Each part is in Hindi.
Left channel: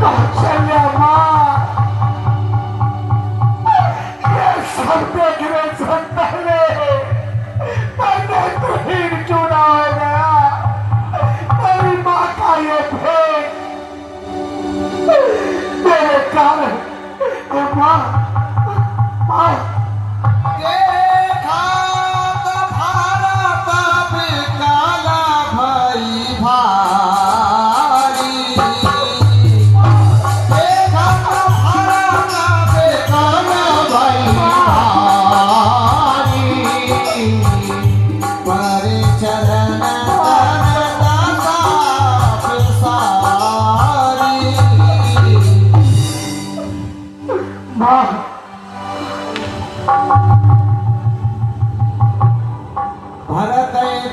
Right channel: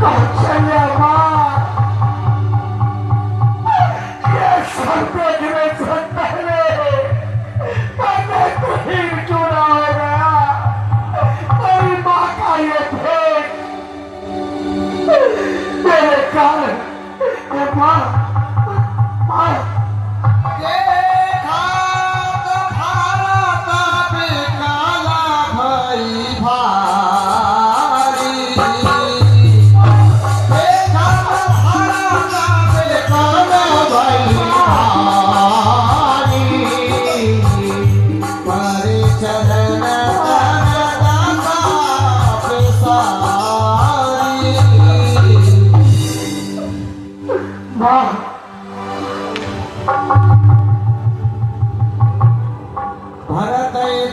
कौशल्या माँ, ये सब देखने से पहले मैंने तुझे चुना हो गया। मेरी माँ का ये भेद मेरे कारण, माँ माँ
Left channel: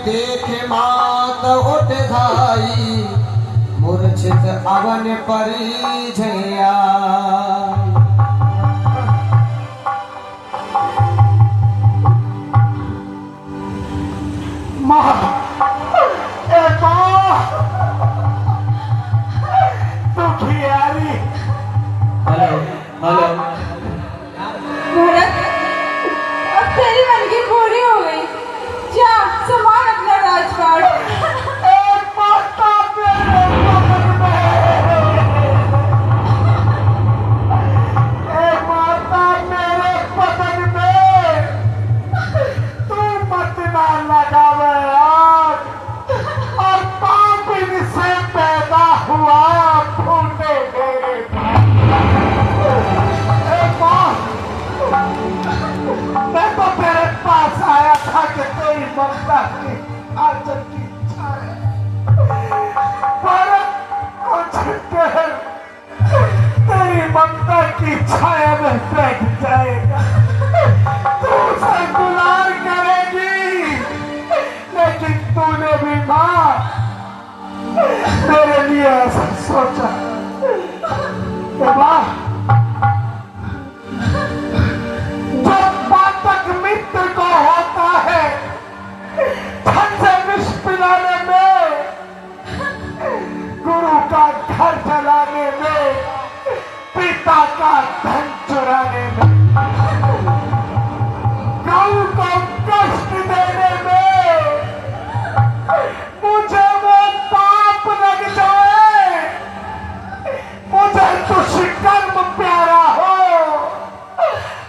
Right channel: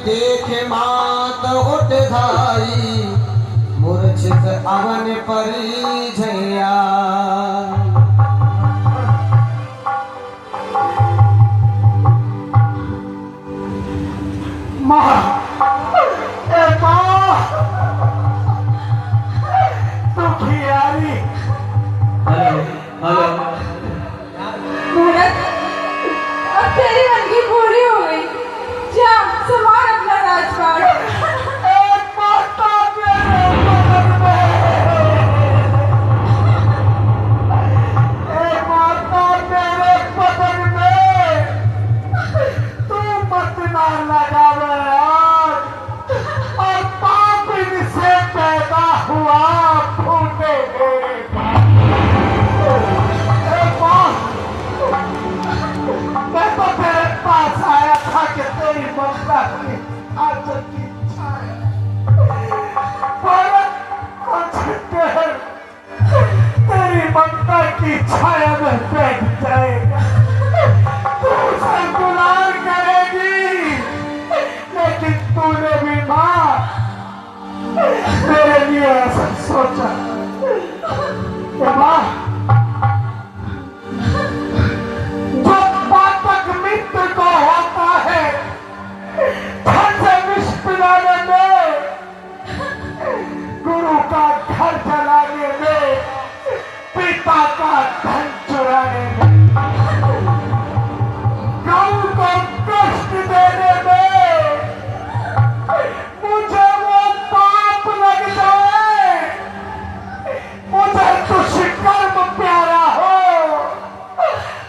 देखे मात उठ धाई मूर्छित अवन परिझया। माँ, ए माँ, तू खियारी। हेलो मूरत, अब तेरी अलगी पूरी हो गई। जा संभाल अपना राजपाट। एक माता मेरे बदन में, एक माता मेरे बदन में, तू मत ना लगावे आग, और पाप इनसे पैदा हुआ फूटे मेरे मैं तो तेरे पास आया था कि तेरी ममता की आदत की इच्छा है, पर कुछ देर तेरी ममता की छाया में बैठ जाएगा। तू उसे दुलार करेगी, लेकिन तूने भी माँ मेरे लिए ऐसा सोचा कि माँ मित्र को होता है धन से विष पिलाने में, गुरु का घर जलाने में, पिता का धन चुराने में, गौ को कष्ट देने में मुझे वो पाप लग जाए। मुझे दुष्कर्म प्यारा हो,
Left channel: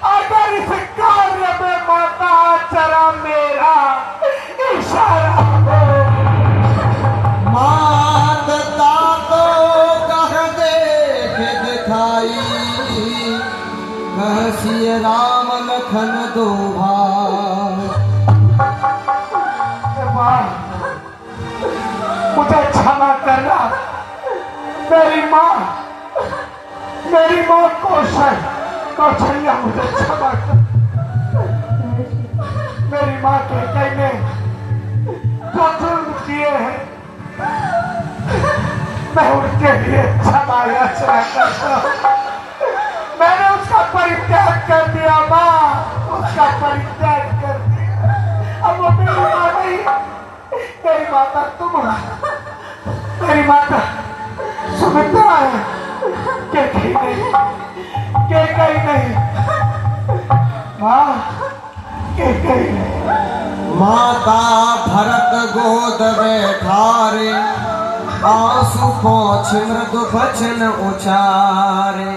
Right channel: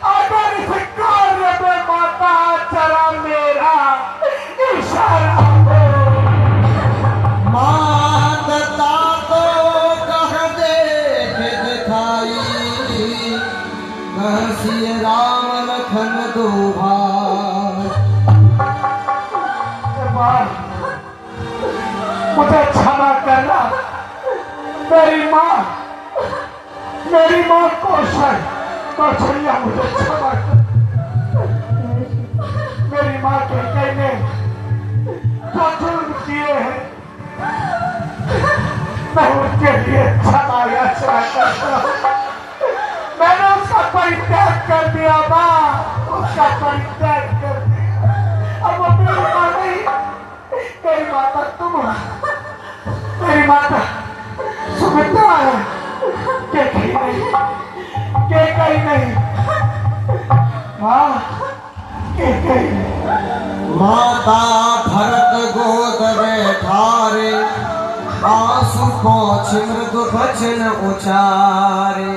अगर इस कार्य में माता चला मेरा इशारा हो। माता तो कह देख दिखाई, कह सिय राम लखन दो भाई। मुझे क्षमा करना, मेरी माँ कौशल्या मुझे क्षमा कर। मेरी माँ के कहने जो जुल्म किए हैं मैं उनके लिए क्षमा याचना करता हूँ। मैंने उसका परित्याग कर दिया माँ, उसका परित्याग कर दिया। अब वो मेरी माँ नहीं, मेरी माता तुम हो, मेरी माता सुमित्रा है, के कहीं नहीं माँ, के कहीं नहीं। माता भरत गोद बैठारे, आंसू पोंछ मृदु वचन उचारे।